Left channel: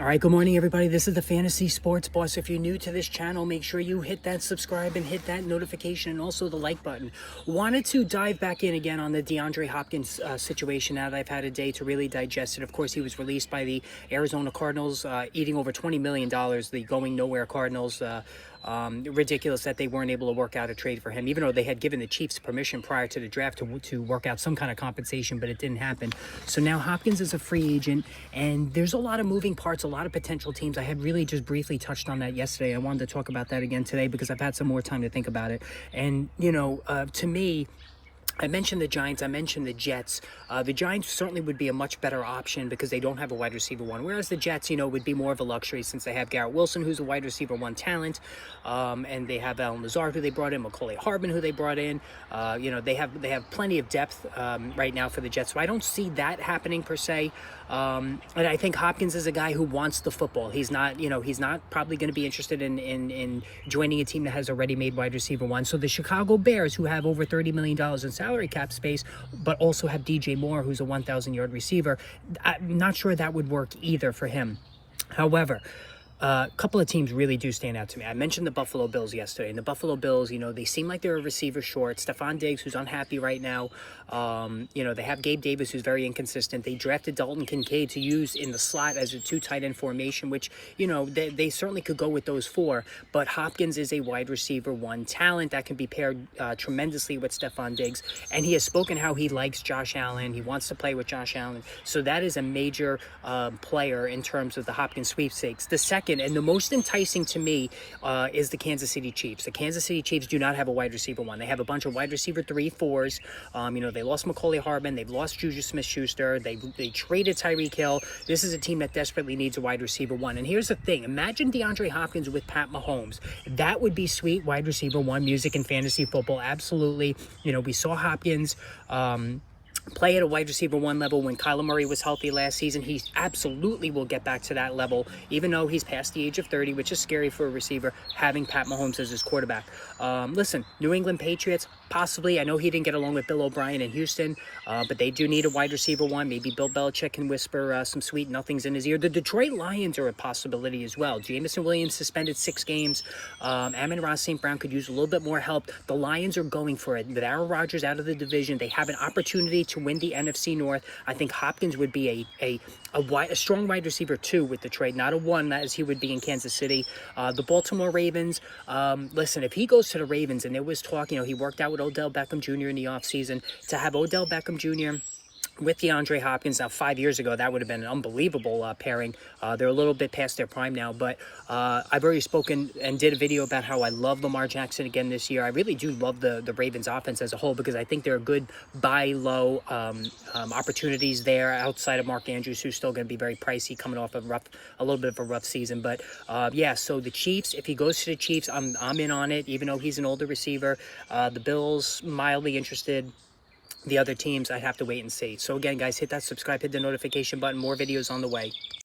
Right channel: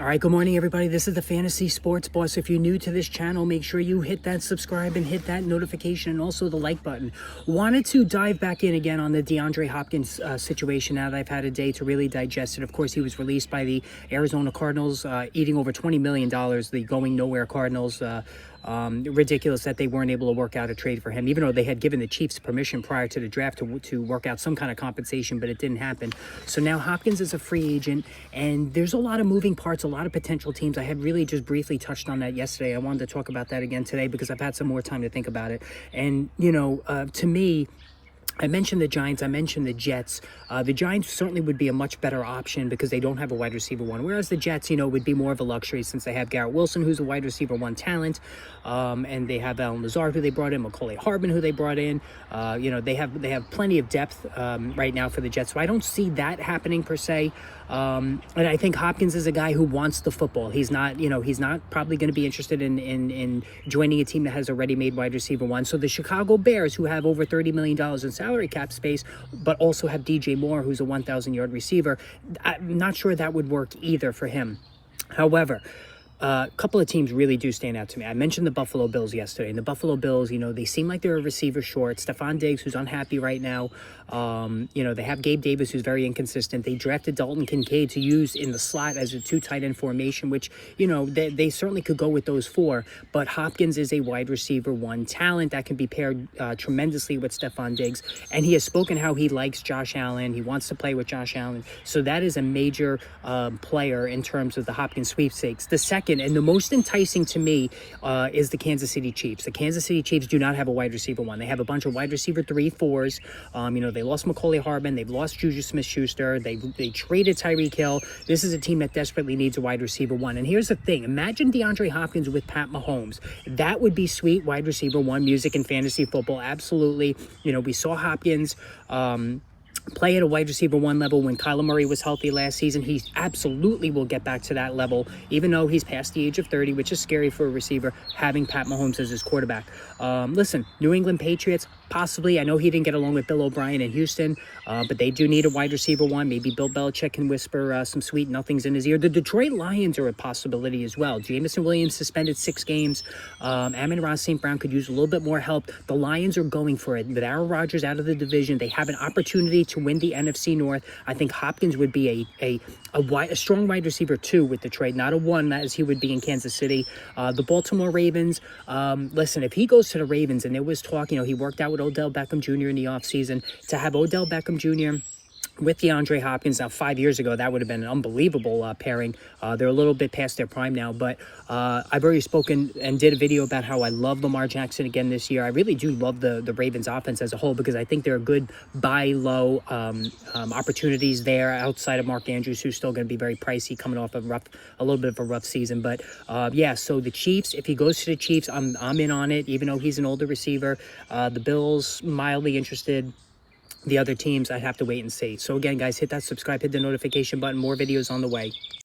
All right, good morning, everybody. This is the Fantasy Sports Boss. If you're new to this channel, make sure you hit that subscribe and hit that notification and also the like button. Wanted to dive back in again on the DeAndre Hopkins situation now that I've had a day to really digest it. Of course, he was released by the Arizona Cardinals, eating over $20 million, the going nowhere Cardinals. Ridiculous that they weren't able to work out a trade for him, even though they had given the Chiefs permission prior to the draft to work out some kind of compensation, but it didn't happen. So now Hopkins is a free agent, and there's a lot of moving parts, a lot of potential teams. I had really just briefly touched on that yesterday. I wanted to talk about that again today because I've had some more time to think about it. And, to me, I mentioned the Giants. I mentioned the Jets. The Giants certainly would be a much better option because they don't have a wide receiver one, whereas the Jets, would be more of a luxury since they have Garrett Wilson, who's a wide receiver one talent, and they have Allen Lazard, who they brought in, Macaulay Hardman, who they brought in. They have plenty of depth right now for the Jets, so I don't see that happening per se. And I think Hopkins is a guy who wants the football. He's not probably going to be interested in joining a team that has a ready-made wide receiver one. So the Chicago Bears, who have over $30 million in salary cap space, but also have DJ Moore, who's a 1,000-yard receiver, I'm not sure that would work either for him. However, a couple of teams really do stand out to me. I mentioned the Buffalo Bills yesterday, and the Buffalo Bills, they seem like they're a receiver short. Stephon Diggs, who's unhappy right now. They have Gabe Davis, who's very inconsistent. They drafted Dalton Kincaid to use in the slot as a two tight end formation, which, they certainly could go with those four. But Hopkins is a wide receiver one talent that can be paired tremendously with Stephon Diggs. And he has spoken how he likes Josh Allen. He wants to play with Josh Allen. So that is a major player in terms of the Hopkins sweepstakes. The second and the most enticing to me is the Kansas City Chiefs. The Kansas City Chiefs do not have a wide receiver one. They have a bunch of wide receiver 3-4s. They lost Macaulay Hardman. They've lost Juju Smith-Schuster. They traded Tyreek Hill. This is a team that desperately needs a wide receiver one. And here's the thing. Imagine DeAndre Hopkins with Pat Mahomes. That would be sweet wide receiver one music in fantasy football. Absolutely. We saw Hopkins play at a wide receiver one level when Kyler Murray was healthy last season. He absolutely will get back to that level, even though he's past the age of 30, which is scary for a receiver, having Pat Mahomes as his quarterback. Listen, New England Patriots, possibly. I know he didn't get along with Bill O'Brien in Houston, but they do need a wide receiver one. Maybe Bill Belichick can whisper some sweet nothings in his ear. The Detroit Lions are a possibility as well. Jameson Williams suspended 6 games. Amon-Ra St. Brown could use a little bit more help. The Lions are going for it. With Aaron Rodgers out of the division, they have an opportunity to win the NFC North. I think Hopkins would be a strong wide receiver 2 with Detroit, not a 1 as he would be in Kansas City. The Baltimore Ravens, listen, if he goes to the Ravens, and there was talk, he worked out with Odell Beckham Jr. in the offseason, to have Odell Beckham Jr. with DeAndre Hopkins. Now, 5 years ago, that would have been an unbelievable pairing. They're a little bit past their prime now, but I've already spoken and did a video about how I love Lamar Jackson again this year. I really do love the Ravens offense as a whole because I think there are good buy low opportunities there outside of Mark Andrews, who's still going to be very pricey coming off a little bit of a rough season. But so the Chiefs, if he goes to the Chiefs, I'm in on it, even though he's an older receiver. The Bills, mildly interested. The other teams, I'd have to wait and see. So again, guys, hit that subscribe, hit the notification button. More videos on the way.